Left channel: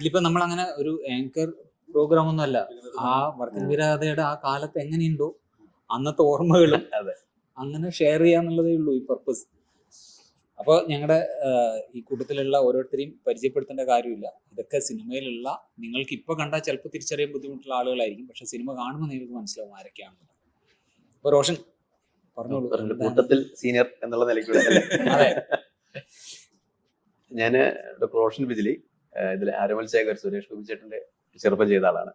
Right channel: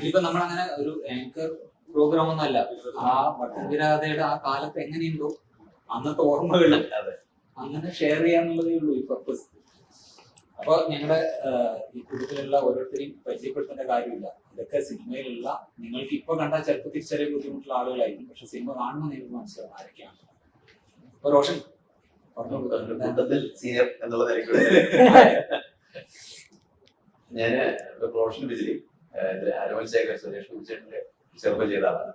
ഇതിപ്പോ നമ്മൾ അങ്ങനെ ഒരു ആങ്കർ പ്രോഗ്രാം ഒന്നും അല്ല. ആ വർദ്ധനവിരാധയുടെ ആ കാലത്ത് എങ്ങനെയുണ്ടോ അന്നത്തെ ഓർമ്മകൾ അങ്ങനെ ഷെയർ ചെയ്യാന്നുള്ളതേ ഉള്ളൂ ഈ പർപ്പസ്. അപ്പൊ ഞങ്ങളുടെ ഈ കൂട്ടത്തിലുള്ള ഓരോരുത്തരെയും പരിചയപ്പെടുത്തേണ്ട കാര്യമില്ല. ഇതൊക്കെ സിനിമയിലുള്ള നിങ്ങൾക്ക് ഇപ്പൊ കണ്ടാൽ ചിലപ്പോൾ തിരിച്ചറിയാൻ ബുദ്ധിമുട്ടുള്ള ആളുകളായിരിക്കും. പക്ഷെ സിനിമ കാണുമ്പോൾ നിങ്ങൾക്ക് മനസ്സിലാവും ആരൊക്കെയാണ്. അപ്പൊ റോഷൻ കൂട്ടത്തിൽ സീനിയർ എന്നുള്ള നിലയ്ക്ക് ഞാന് റോഷൻ ബിജിലി, ഇതിൽ ആരോമൽ ശേഖർ, സുരേഷ് കുമിച്ചേട്ടന്റെ ചെറുപ്പം ചെയ്ത ആളാണ്.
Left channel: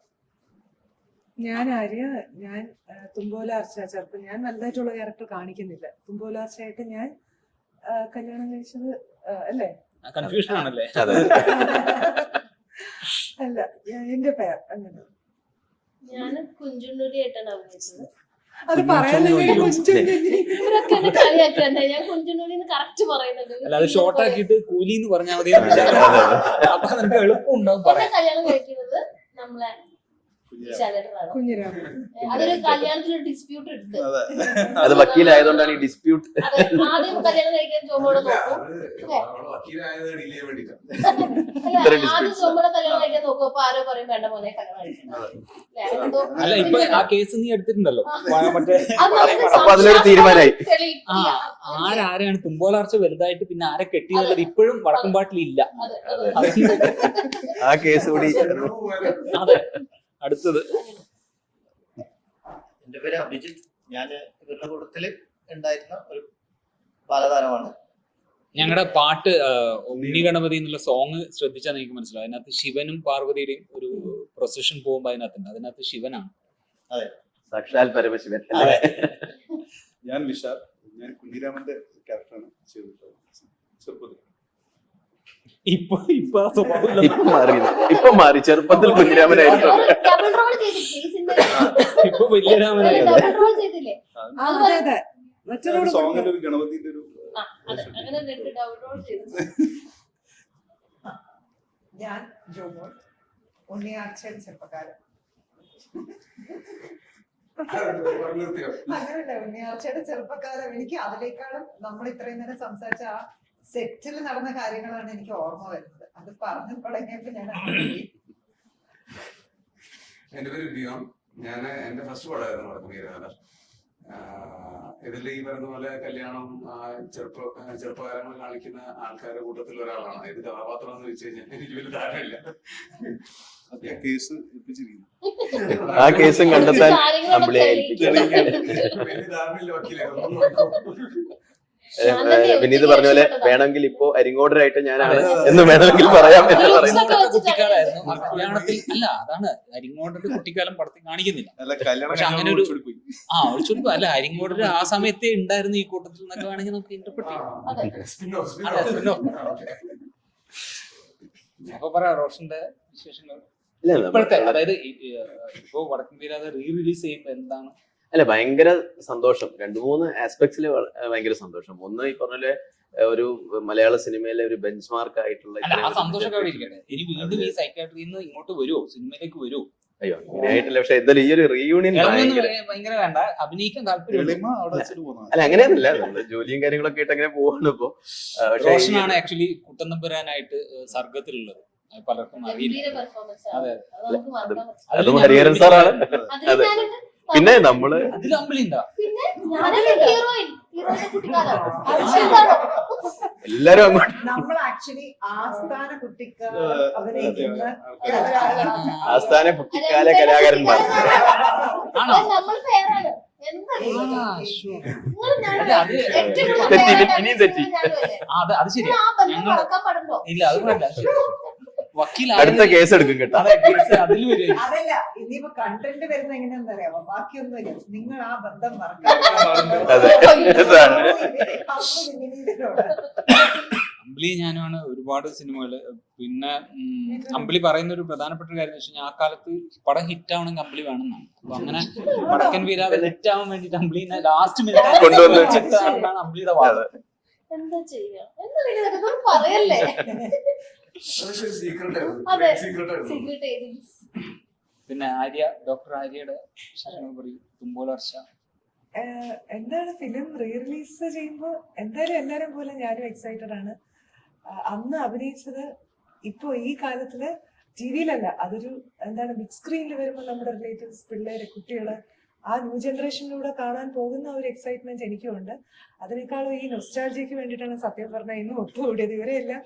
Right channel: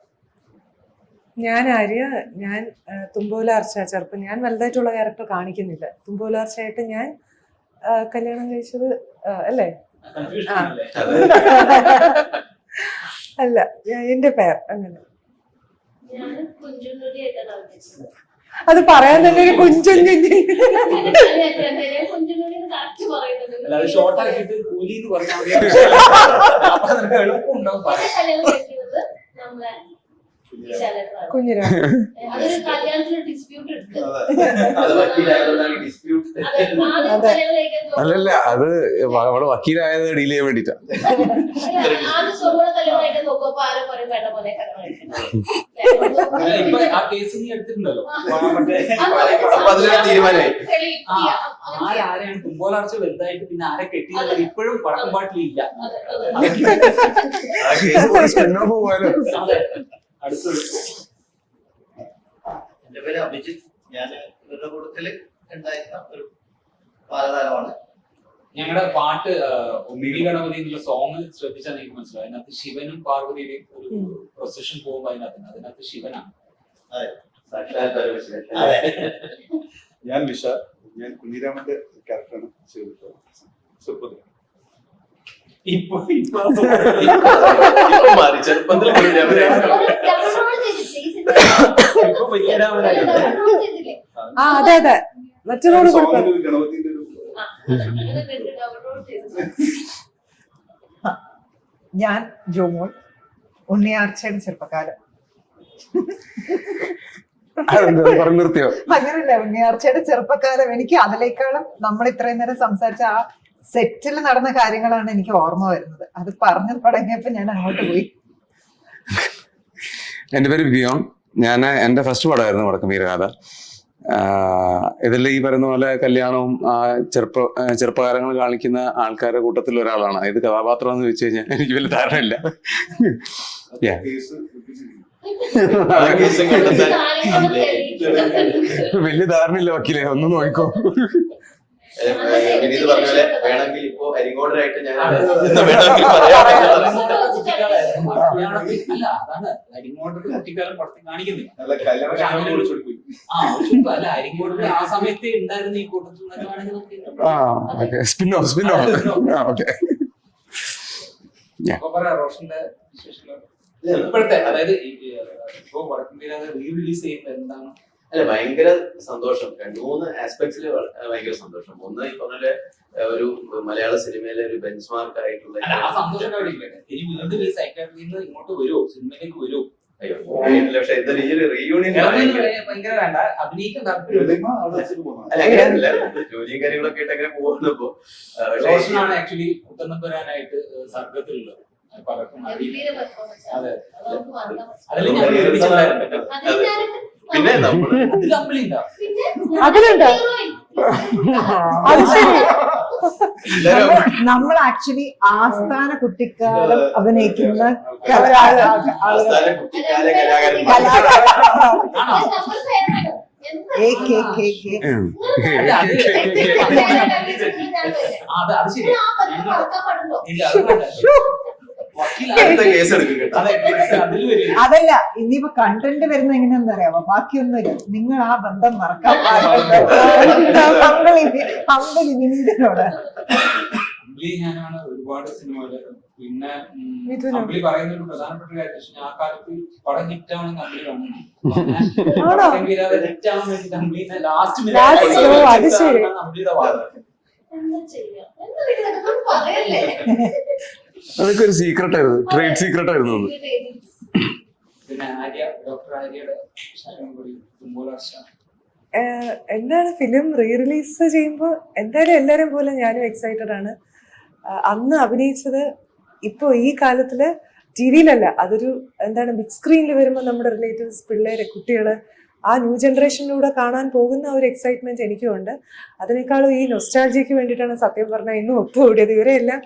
ഞാൻ ആര്യ, ഞാൻ തുമ്പോലാർച്ച ചെറുപ്പം. ഞാൻ വലുതായിട്ടുള്ള ക്യാരക്ടർ കാണിക്കുന്നില്ല. തുമ്പോലാർച്ചയായിട്ട് ഞാൻ കല്യാണം കഴിച്ചത് അല്ലേ? അല്ല, എന്റെ പേർ അങ്ങനെ. അത് പറയാൻ തന്നെ ഒരു കുഞ്ചൻ ഷോർട്ടാക്കിട്ട് കൂലി എന്ന് പറഞ്ഞാൽ മതി. എളുപ്പമുണ്ടാവും പറയാൻ. അത് വക്കീലായതുകൊണ്ടാണ് ഡിസ്പ്യൂട്ട്. അല്ലല്ല, അത് അവിടെ വക്കീലായത് ഡീൽ ചെയ്യാൻ വേണ്ടിട്ടാ. ആ കേസ് നീ എടുത്തിട്ടുണ്ടല്ലോ. തീരുമാനമായി ആരാണ് തുമ്പോലാർച്ച വലുതായിട്ട് പിന്നെ ആരെ കെട്ടിയത് ഇപ്പോഴും വടക്കുംപാട്ടിലില്ല. അതെ. അടുത്തത് എന്റെ പേര് അഭിജിത്ത്. ഞാൻ കൂട്ടത്തില് ഉണ്ടായിരുന്ന ഒരു ബാലതാരമാണ്. ഞങ്ങളുടെ പാട്ട് ഉണ്ണി ഗണപതി എന്നുള്ള സോങ് ശ്രദ്ധിച്ചാൽ നിങ്ങൾക്ക് മനസ്സിലാവും. അതിനകത്ത് ശിവനും പാർവതിയുടെയും ഒരു പ്രൊസഷൻ പോകുമ്പോ അതിനകത്ത് ശിവനാണ്. അതെ, സാക്ഷാൽ പരമശിവൻ. ഞാൻ വിശ, ഞാൻ കുഞ്ഞിരാമന്റെ ക്യാരക്ടറാണ് ചെയ്തിട്ടുള്ളത്. ഇപ്പൊ മാറി, ചെറുപ്പത്തിൽ ഇപ്പൊ വലിയ രാമനായിരുന്നു. അതെ അതെ, മറ്റൊരു ഗണപതിന്റെ ഒരു ഞാൻ ജോമോൾ, ഉണ്ണിയാർച്ചയുടെ ചെറുപ്പക്കാലം. നിർത്തിയോ? അങ്ങനല്ല, ഉണ്ണിയാർച്ചയുടെ ചെറുപ്പക്കാലം. എനിക്ക് അതിലേക്കാളും നമ്മൾ ഇത്രയും നേരം സംസാരിച്ച ആ സെറ്റിൽ നടന്ന കാര്യങ്ങളാണ് എനിക്ക് ഓർമ്മ വരുന്നത്. അത് പറഞ്ഞു തുടങ്ങിയപ്പോ ഞാൻ അങ്ങോട്ട് പോയി. എന്റെ പേര് ബിയോൺ. ഞാൻ എന്റെ ഫസ്റ്റ് പടമായിരുന്നു വടക്കം വീരഗാഥ. ഇതിൽ ഈ പറയുന്ന പോലെ കല്യാണവും ചെറുപ്പകാലങ്ങൾ കാണിക്കുന്ന ആൾക്കാരുടെ കൂട്ടത്തിൽ ഒരാളാണ്. ഇത് കഥാപാത്രം എന്ന് ചോദിച്ചു കഴിഞ്ഞാൽ എനിക്ക് വലിയ ധാരണയില്ല. വലിയ ധാരണയില്ല വക്കീലെ, ഒന്ന് നോക്കോ. വിനീത് പറഞ്ഞ പോലെ വേണമെങ്കിൽ ഇപ്പോ അരിങ്ങോടരായിട്ട് ഞാനാണ് എന്ന് വേണമെങ്കിൽ പറയാം. അല്ല, അതാണ് അരിങ്ങോടൊരു കുട്ടിക്കാലം പടത്തിൽ കാണിക്കുന്നില്ല. അല്ല, അരിങ്ങോടൊരു ആ സമയത്തെ ഉണ്ടായിരുന്നു ഈ കൂട്ടത്തിൽ നിന്നൊക്കെ വേണമെങ്കിൽ നമുക്ക് റോഷന്റെ ഇപ്പോഴത്തെ, അതായത് ഇപ്പൊ വടക്കൻ വീരാതെ റീ റിലീസ് ചെയ്യുമ്പോൾ എന്താണ്? അല്ല, ഭയങ്കര സന്തോഷം. 2-3 ആസ്പെക്ട്സിൽ ഭയങ്കര സന്തോഷം. ഒന്ന്, ഈ പറഞ്ഞ ഒരു മലയാള സിനിമയിലെ ഒരു ബെഞ്ച് മാർക്ക് ആയിട്ടുള്ള ഇങ്ങോട്ട് വരുമോ, സിനിമയിലേക്ക് വരുമോ? അയ്യോ, പക്ഷെ എന്തായാലും ഈ ഒരു റീയൂണിയൻ ഭയങ്കര വേണ്ട, അഭിനയിക്കാൻ താല്പര്യമുണ്ട്. അല്ല, അങ്ങനെയല്ല, ജോലിയും കാര്യങ്ങളൊക്കെ ആയിട്ട് അങ്ങനെ പോകുന്നപ്പോ. റോഷനാണ് ആക്ച്വലി കുട്ടനമ്പുരാനായിട്ട് സർഗത്തിലുള്ളത്. പലർക്കും അറിയില്ല. അതെ, ഹരിഹരൻ സാറാണ്. അതെ, പിന്നെ നമ്മള് നമ്മൾ ആക്ച്വലി ആസ്ഥാന കുട്ടിക്കാലം അഭിനയിക്കുന്ന ആസ്ഥാന കുട്ടിക്കാല കലാകാരൻ. അത് ശരി. അടുത്ത കേസ് എടുക്കും കേട്ടോ. അതല്ല, ഇനിയിപ്പോ കണ്ടന്റ് വരുന്ന എങ്ങനെയാന്ന് അറിയാമോ? ബാക്കിയൊന്നുമില്ല, നിങ്ങൾ ആ ബന്ധം മറക്കാൻ ഞാനാണ് ഒരുപാട് സിനിമകള്. പിന്നെ അമ്പിളി പറയുന്ന ഒരു പ്രധാനപ്പെട്ട കാര്യം വെച്ചാൽ ആ കാലത്ത് പടം ഹിറ്റാണെങ്കിൽ അമ്പിളി കാണുന്നു. വടക്കൻ വീരാതെ ഹിറ്റ് ആവാൻ വേണ്ടിട്ട് അമ്പിളിനെ ലാസ്റ്റ് അമ്പിളിയുടെ വാദം. അതൊക്കെ ഒരു സീക്രട്ട് ആയിരുന്നു, ട്രേഡ് സീക്രട്ട് ആയിരുന്നു. പിന്നെ ആര്യ, ഡോക്ടർ ആര്യയുടെ തുമ്പോലാർച്ച എന്താണ് ഫിലിം റീ റിലീസ് ചെയ്യുമ്പോൾ എന്തായാലും എല്ലാവരും പോലെ ഞാനും എക്സൈറ്റഡ് ആണ്. അന്ന് അഭിനയിച്ചത് ഇപ്പോൾ ഈ കാലത്തില് ടി വിയിലല്ല, അതൊരു എന്താണ് ബിഗ് സ്ക്രീനിൽ വരുമ്പോൾ നമ്മുടെ റിലേറ്റീവ്സ്, പിള്ളേര്, കുട്ടികള് ആ ന്യൂ ജനറേഷനിലൂടെ കാണാൻ പോകുന്ന ഒരു എക്സൈറ്റ്മെന്റ് എനിക്കും ഉണ്ട്. അതിനേക്കാളും ഈ നൊസ്റ്റാൾജിക്ക് വേണ്ടിയിട്ടാണ് സത്യം പറഞ്ഞാൽ ഇന്നും ഒത്തുകൂടിയത്. ഇവരെല്ലാം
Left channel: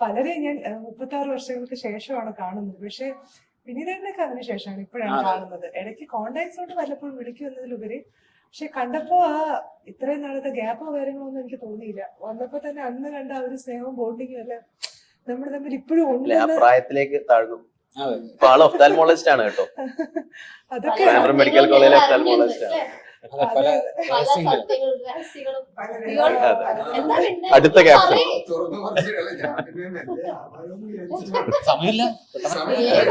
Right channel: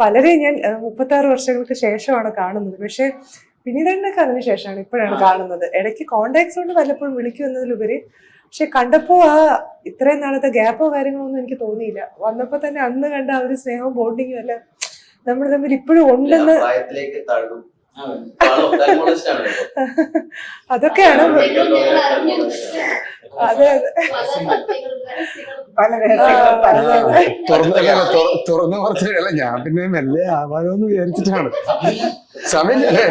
പലരെയും ഞാൻ 36 വർഷങ്ങൾക്ക് ശേഷമാണ് കാണുന്നത്. പക്ഷെ പിന്നീടൊക്കെ അതിന് ശേഷമാണ് ഇപ്പോഴാണ് കാണുന്നത്. ഇടയ്ക്ക് കോണ്ടാക്ട്സ് കൊണ്ട് വല്ലപ്പോഴും വിളിക്കും എന്നതിലുപരി, പക്ഷെ കണ്ടപ്പോ ആ ഇത്രയും നാളത്തെ ഗ്യാപ്പോ കാര്യങ്ങളോ ഒന്നും എനിക്ക് തോന്നിയില്ല. വന്നപ്പോ തന്നെ അന്ന് കണ്ട ആ ഒരു സ്നേഹവും ബോണ്ടിങ്ങും എല്ലാം നമ്മൾ തമ്മിൽ ഇപ്പോഴും ഉണ്ടെന്ന്. പ്രായത്തിലേക്ക് താഴ്ന്നു. ആള് ophthalmologist ആണ് കേട്ടോ. അതൊക്കെയാണ് മെഡിക്കൽ കോളേജിലെ ophthalmologist ആണ്. അതെ പല രഹസ്യങ്ങളും അടുത്ത gap. തുറന്നു പറഞ്ഞല്ല, ഞാൻ പിന്നെ മെല്ലെ ആവാലോന്ന് വിചാരിച്ചിട്ടാണ്. സമയമില്ലേ?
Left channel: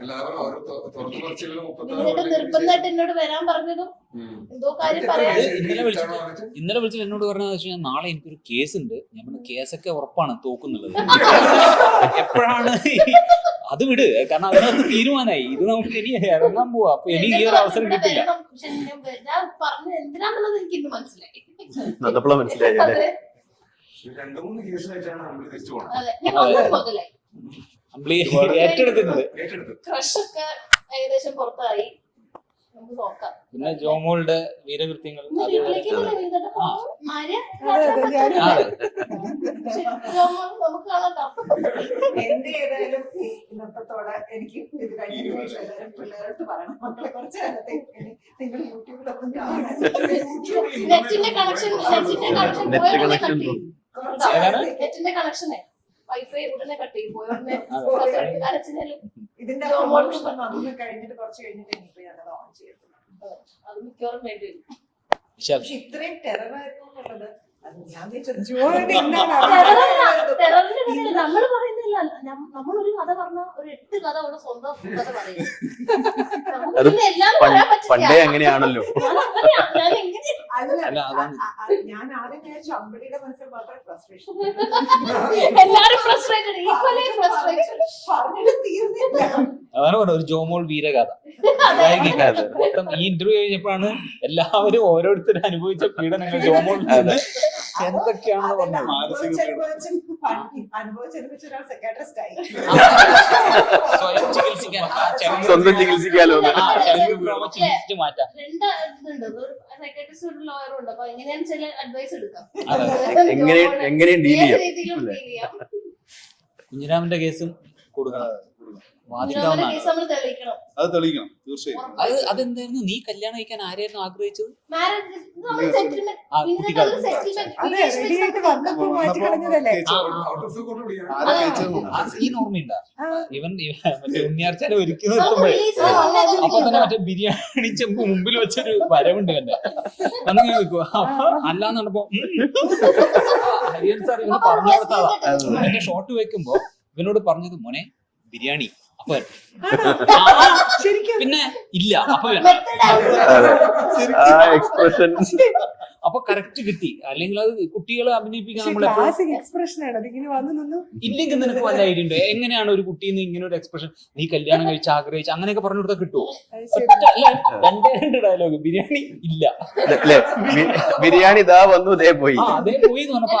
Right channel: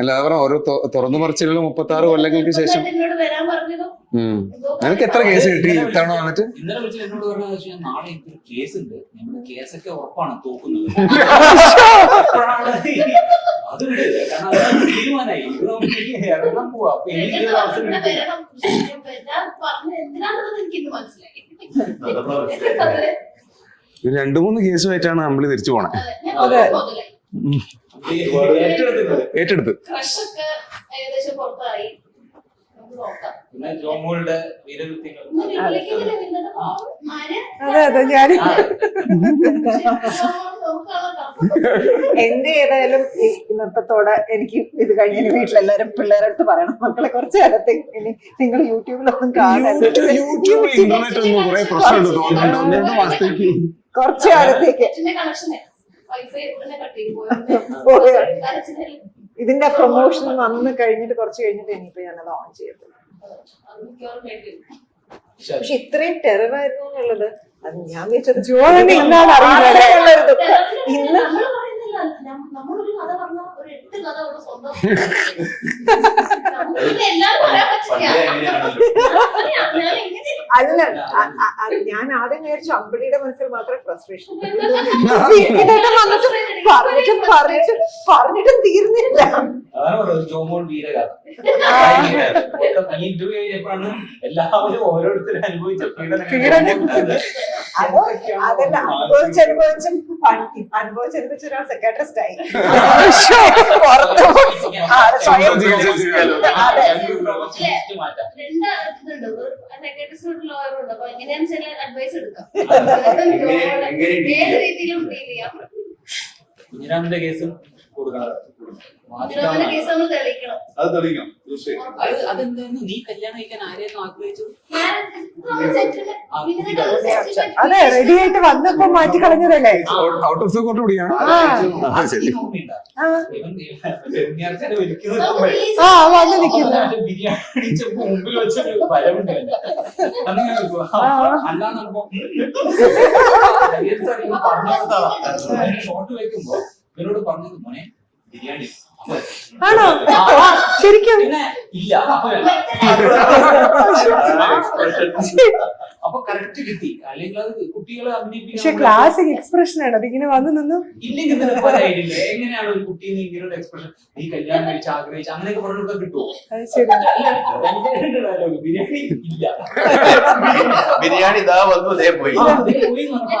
അല്ല പറഞ്ഞ ഓരോ തുറന്നു പറച്ചിലുള്ള 36 കൊല്ലങ്ങൾക്ക് ശേഷം. നിനക്ക് എത്ര കേസ് കിട്ടി ഇത്തവണ വന്നിട്ട്? ഇന്നലെ വിളിച്ചിട്ട് എന്നോട് പറഞ്ഞതെന്ന് വെച്ചാൽ നാളെ എനിക്കൊരു കേസ് ഉണ്ട്, നമ്മുടെ കേസൊക്കെ ഉറപ്പാണ് തോക്കുന്നത്. അപ്പോഴാണ് അത് വിട്, കാരണം അതിനകത്ത് തീരുമാനമായി ഇത് നമുക്ക് ഇറങ്ങാൻ പോവാ. അപ്പൊ എനിക്ക് ഈ ഒരു അവസരം കിട്ടില്ല. അതപ്പോഴാ മനസ്സിലായി. 2-3 കേസുമായിട്ടാണ് നമ്മൾ തിരിച്ചു പോണേ. ഏറ്റെടുത്ത് ഏകദേശം പുറത്തായി. നമുക്ക് നോക്കാം. പിന്നെ ജോമോളുടെ വീരകൃത്യങ്ങൾ. അതെ അതെ ഞാൻ എന്റെ ഏതായാലും ഈ നൃത്തത്തോടെ എനിക്ക് ഇത് കഴിഞ്ഞ വീട്ടിലെല്ലാരും പിള്ളേരുടെ അടുത്ത് പറയണം, മക്കളെ കുറച്ച് കാലത്തേക്ക് ഇനി നിങ്ങൾ യൂട്യൂബിലൊന്നും കാണാൻ, കുറച്ച് കാലത്തേക്ക് ഇതിന്റെ പ്രൊമോഷൻ വന്ന് കഴിഞ്ഞിട്ട് കുറച്ച് കഴിഞ്ഞിട്ട് ഇനിയിപ്പോ ഞാനത് ഓൺ ചെയ്യത്തുള്ളൂ. പക്ഷെ ഇത്രയും ടെററായിരുന്നു എന്നുള്ളത് അത് ഞാൻ വെച്ചത് ജോണി ഇന്നാണ് അറിയുന്നത്. ഇന്ന് നമ്മളൊരു കഥ പറഞ്ഞ ഒരു 8 കഥ അവിടെ സ്വന്തം പണ്ടേ അങ്ങനെയാണല്ലോ. അല്ല ഞാൻ ആദ്യം വിചാരിച്ചു അമ്പിളിയുടെ മനസ്സിൽ മാത്രമേ ഫ്രസ്ട്രേഷൻ പറഞ്ഞിട്ടും തീർന്നില്ല. അതാണ് പറയുന്നത് ജോമോൾ വീരകഥ. ഈ ഇന്റർവ്യൂ കഴിഞ്ഞപ്പോഴാണ് എല്ലാവരും ഓരോരുത്തരും അനുഭവിച്ച അനുഭവിച്ചൊരാൾ സെക്രട്ടറിസ്റ്റ് ആയി. മാറ്റാം. കുഞ്ഞിരാമന്റെ കേസും കൊടുക്കണം. അത് തെളിയിക്കണം തീർച്ചയായും. അതെന്തായിരുന്നു, നീ കല്യാണം കഴിക്കാൻ ആരെയായിരുന്നു ആഗ്രഹിച്ചത്? അതെ റെഡി ആയിട്ട് വന്നപ്പോ മാറ്റി കളഞ്ഞതല്ലേ? ഔട്ട് ഓഫ് ദ കോർട്ട് കൂടിയാണ്. ഇവൻ ഉണ്ണിയാർച്ചനെ ഒരിക്കലും ബിരിയാണി ചെമ്പ് മുമ്പിൽ വെച്ചൊരു വരവുണ്ട് എന്നെ. അന്ന് ഞാൻ അല്ലാന്ന് പറഞ്ഞപ്പോ പറഞ്ഞു കൊടുത്തതാ. എന്നെ ഷോട്ട് വെക്കുമ്പോ ഇവനോട് പറഞ്ഞത് മോനെ ബിരിയാണി. ശരിക്കും പിന്നെ ഇല്ല അപ്പൊ കറക്റ്റ് കിട്ടി. അല്ലെങ്കിൽ അത് കുട്ടികളെ പക്ഷെ അഭിനയിപ്പിക്കാൻ ക്ലാസിക് എക്സ്പ്രഷൻ ആണ് അതിങ്ങനെ വന്നു നിന്നും. ഇല്ലെങ്കിൽ നിനക്ക് പല ഐഡിയ ഉണ്ട് എങ്ങനെയാണ് ഒരു കുട്ടീന്ന് ഇങ്ങനെ ഒരു എക്സ്പ്രഷൻ, നീ കല്യാണം കഴിച്ച് ആഗ്രഹിച്ച് അങ്ങനെയൊക്കെ പറഞ്ഞു കൊടുക്കാൻ കിട്ടുമോ? രണ്ട് ഡയലോഗ് ബിരിയാണി ഇല്ല, ബിരിയാണി ഇതാ വന്നു അതേ പോയി. പോയി എന്ന് പറഞ്ഞപ്പോ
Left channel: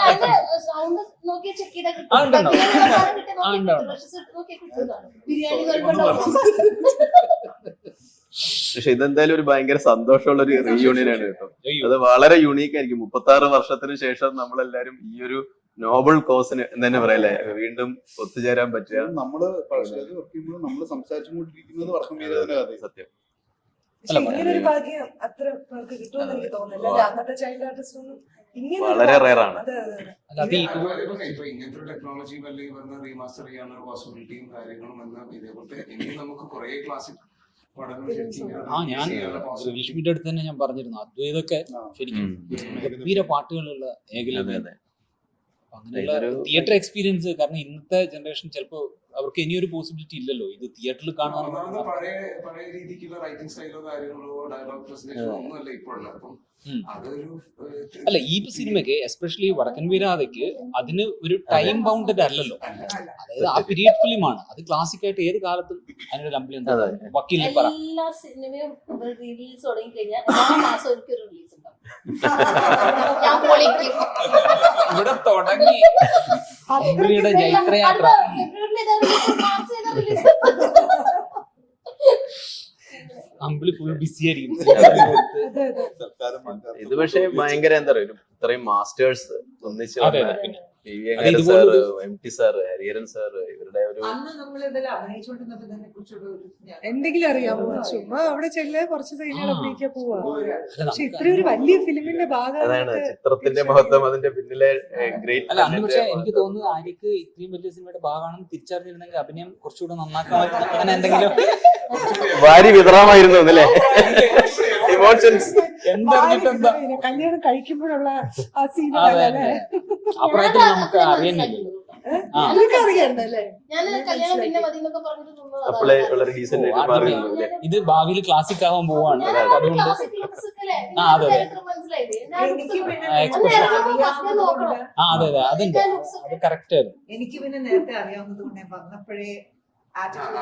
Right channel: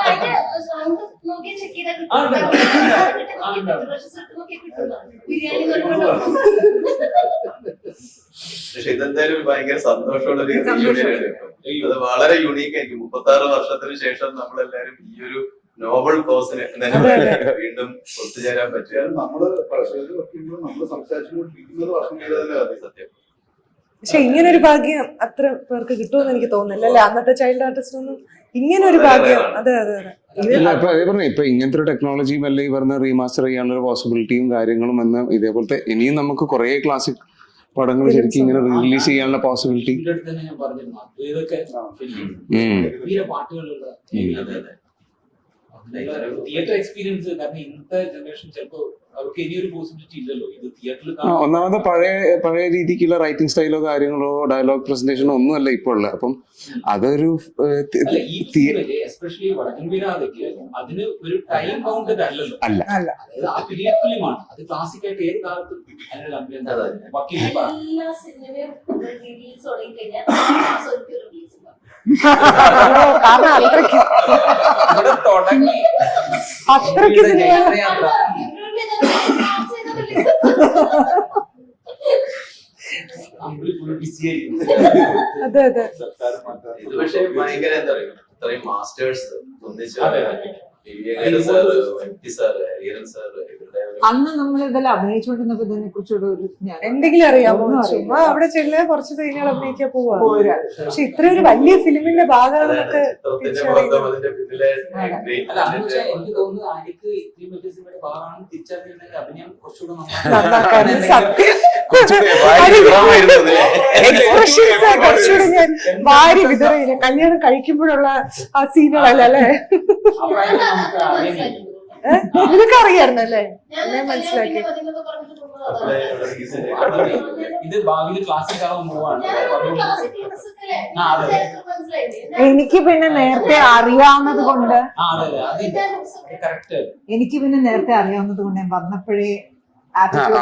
പക്ഷെ ഇതെന്തായാലും ഒരു ഭയങ്കര സന്തോഷമുള്ള ഒരു റീയൂണിയൻ ആണ് കേട്ടോ. അത് വളരെ യുണീക്ക് ആയിരിക്കും. 36 വർഷത്തിന് ശേഷം നമ്മളെല്ലാരും ഈ ഒരു നോബൽ കോസിന് തന്നെ വീണ്ടും ഒത്തുചേരാൻ പറ്റുക. നമ്മള് നമ്മള് സംസാരിച്ചുകൊണ്ടിരിക്കുന്നത് വർഷം തന്നെ സത്യം. പക്ഷെ ഇങ്ങനെ ഒരു ഭാഗ്യം അത്ര പേർക്ക് കിട്ടുമെന്ന് എനിക്ക് തോന്നുന്നില്ല അല്ലെ? അന്നത്തെ ചൈൽഡ് ആർട്ടിസ്റ്റ് ഒന്നും ഇങ്ങനെ ഒരു ഭാഗ്യം. അതെ അതെ അതെ. ഇപ്പൊ ഇങ്ങനത്തെ ഒരു ടെക്നോളജിയും അല്ലെ ഈ പറഞ്ഞ റീമാസ്റ്റർ ചെയ്യാനുള്ള ഒരു പോസിബിലിറ്റിയും കാര്യങ്ങളും എന്ന് ഇതേപോലത്തെ ഇനിയും നമുക്ക് കുറെ ക്ലാസിക് പടങ്ങൾ ശരിക്കും ഇങ്ങനെ റിലീസ് ചെയ്യാനുള്ള പോസിബിലിറ്റി അടുത്ത് തന്നെ ഞാൻ പറഞ്ഞിരുന്നു. അദ്വൈതൊക്കെ ശരിക്കും ഗംഭീര പാട്ടുകളുള്ള തിയേറ്റർ എക്സ്പീരിയൻസ്. കാരണം ഇന്നത്തെ ജനറേഷൻ ചിലപ്പോ അവർക്ക് ഇനിയൊരു പോസിബിലിറ്റി ഇല്ലല്ലോ ഇത് തിയേറ്ററിൽ കാണാൻ. ഒന്നാമത് പഴയ രീതിക്കുള്ള റൈറ്റിംഗ് സ്റ്റൈലോ കാര്യങ്ങളോ ഡയലോഗ് പ്രസന്റേഷനോ ഒന്നും അല്ല ഇപ്പോൾ ഉള്ളത്. അപ്പം അതൊരു എസ്പെഷ്യലി വടക്കൻ വീരാതയ്ക്ക് അതിന് ഒരു ടൈം ബൗണ്ടഡ് അല്ലല്ലോ. അല്ല അതായത് ആ പീരിയഡ് ഫിലിമാണ്. അത് ക്ലാസിക് ആയിട്ട് ഏത് കാലത്തും അതിനൊരു അഭിനയം വക്കീൽ പറ എല്ലാ സിനിമയും റിലീസ് തുടങ്ങി കഴിഞ്ഞാൽ റിലീസ് ഉണ്ടാവും. ഇവിടെ തുടങ്ങി ഫെബ്രുവരി ബിസി ആയിരിക്കും. അതെ അതെ സർക്കാർ മാറ്റാൻ ഇത് പക്ഷേ ഭയങ്കര എന്താ പറയുക, ഇത്രയും മാസ്റ്റേഴ്സ് ഒന്നിച്ച് അതെ, അതെ. PV sir, MT sir, Hariharan sir, ഇവരുടെ ഒരു അന്ന് നമ്മൾ ഇതെല്ലാം അഭിനയിച്ചുകൊണ്ടിരുന്നപ്പോ ഇതിനെ കുറിച്ചുള്ള ഒരു ജ്ഞാനം എന്തെങ്കിലും അറിയാമോ? ഒന്നും അറിയില്ല. ചുമ്മാ അവിടെ ചെല്ലുക, കുറച്ച് സീനുകൾ അഭിനയിക്കാൻ പോവാ. പോരാ. പക്ഷെ ഇത്ര ഒരു വലിയ ഫിലിമിന്റെ അതാണ് ഭാഗമാണെന്നൊക്കെ ചിത്രത്തിന്റെ മഹത്വം, അതിന്റെ പിന്നിലെ ഗ്രേറ്റ് അല്ല അന്ന് പക്ഷെ എനിക്ക് തോന്നുന്നു ആര്യക്ക് ഇത്രയും വലിയ സിനിമയുടെ ഭാഗമാണെന്ന് തിരിച്ചറിഞ്ഞിട്ടുണ്ടെങ്കിൽ അഭിനയം കുറച്ചുകൂടെ നന്നാക്കാൻ സത്യം. ഭാര്യ വിക്രമായിരുന്നു അതല്ലേ? Expressions ഒക്കെ കുറച്ചുകൂടെ ഞാൻ വാരി വിതറി കല്യാണം കഴിക്കുമ്പോഴുള്ള ആ സീനുകളല്ല അല്ലേ? അപ്പോഴായിട്ട് നമുക്ക് അറിയാൻ കഴിയും. നിനക്ക് അറിയായിരുന്നു അല്ലേ? ഞാൻ കല്യാണം പിന്നെ മതി എന്നൊക്കെ പറഞ്ഞിട്ട് അപ്ലൈ ഉള്ള റീസൺ ഇത് ഭാവിയിൽ ക്ലാസ്സിക് ആവാൻ പോവാണ്. അപ്പൊ അതുകൊണ്ട് ആ, അതെ. എനിക്ക് പിന്നെ നേരത്തെ അറിയാവുന്നത് കൊണ്ട് അതെ അതെ അതുണ്ട്, അത് കറക്റ്റ്. എനിക്ക് പിന്നെ നേരത്തെ അറിയാവുന്നത് കൊണ്ട് ഞാൻ വന്നപ്പോഴേ ആ, ആറ്റിറ്റ്യൂഡ്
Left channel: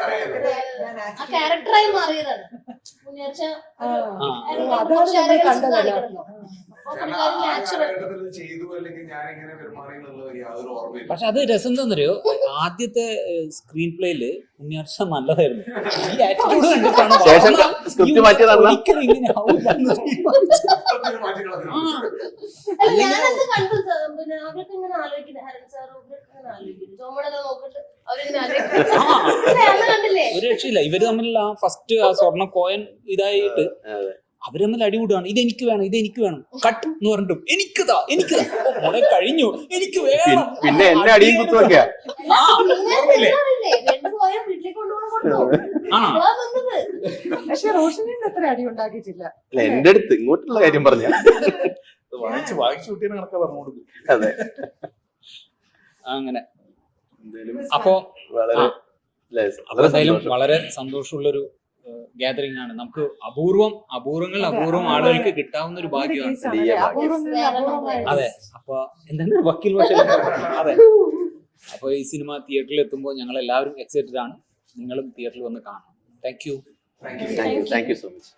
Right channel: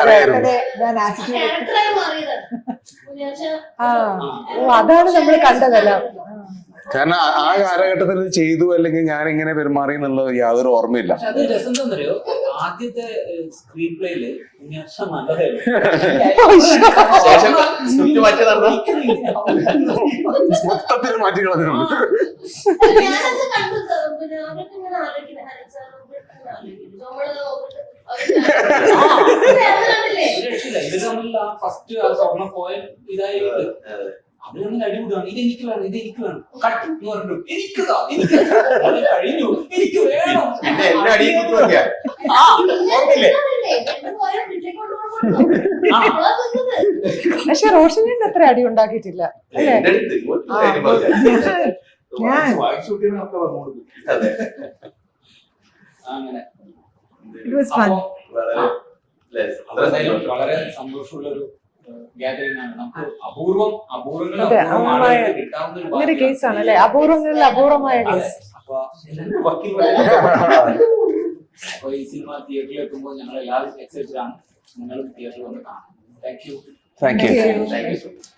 അറിയായിരുന്നു. ഞാൻ ആറ്റിറ്റ്യൂഡ് ക്യാരക്ടറായി മാറിയതാണ്. ആ ഓ, അതാണ് നമ്മൾ കണ്ടതല്ല. കാരണം ആ കാലഘട്ടത്തിൽ ഇത് ചെയ്തു അല്ലെങ്കിൽ ഞാൻ എങ്ങനെ പെരുമാറി എന്നുള്ളത് യാതൊരു ഓർമ്മയില്ല. പക്ഷെ അത് രസം എന്താണെന്നറിയോ, ആദ്യത്തെ സ്ക്രീൻ പ്ലേയില് ഉണ്ണിയാർച്ച നല്ലതായിരുന്നു. ശേഷം സ്ക്രിപ്റ്റ് മാറ്റി നടന്ന ഒരിക്കലും ഇങ്ങനെ ആവില്ല. മൊത്തത്തിൽ മാറ്റി കളഞ്ഞിട്ടുണ്ട്. ഞാനത് കണ്ടു. പിന്നെ അവർക്ക് ഇങ്ങനെ ആലോചിക്കുന്നത് ഹരൻ സാർ ആലോചിക്കുന്നു നമ്മളത് നോക്കിട്ട് അവര് കണ്ടില്ലേ? ഒരു രക്ഷയില്ല. ഇവര് തമ്മിലുള്ള ആ ഫസ്റ്റ് ആ സ്വർണ്ണ കോയിൻ ഇതായിട്ട് അവര് തമ്മിൽ അടികൂടാണ്. ഇത് എനിക്ക് വേണം, ഇത് എനിക്ക് വേണം, കട്ട് എന്ന് പറഞ്ഞിട്ടും എനിക്കതാ, എനിക്ക് കഴിഞ്ഞു, എനിക്ക് വേണം. പിന്നെ എന്നെ അടിയും കുത്തുവൊക്കെയാ. ആ, ഓർമ്മയില്ലേ? പക്ഷെ റോഷനിൽ അത്ര അടി ഉണ്ടാക്കിയിട്ടില്ല. എന്റെ അടുത്ത് ഇങ്ങോട്ടുള്ള കാര്യം പറഞ്ഞ വായിച്ചു കൂട്ടിയാണ് ആൾക്കാർ പറഞ്ഞു കൊടുക്കും. അതെ, അങ്ങനെ. It was fun. അപ്പോ വളരെ അല്ലേ, അപ്പൊ എന്തായാലും വളരെ സന്തോഷമുള്ളൊരു ഗാദറിംഗ് ആണ്. നമുക്ക് അപൂർവങ്ങൾ അതെ, അപൂർവം ആളുകൾക്ക് കിട്ടാവുന്ന ഒരു അങ്ങനെ ഭാഗ്യമാണ്. കേസാണ് അല്ലെ? അപൂർവങ്ങളിൽ അപൂർവമായ അതെ. കേസ്. അപ്പൊ എന്തെങ്കിലും വക്കീൽ പക്ഷേ അതെ. അപ്പൊ ഈ സിനിമ തിയേറ്ററിൽ എത്തുമ്പോൾ ഞങ്ങൾ എല്ലാവരും എക്സൈറ്റഡ് ആണ്. നിങ്ങളും തിയേറ്ററിൽ വന്ന് കാണാം. Thank you. Thank you. Thank you so much.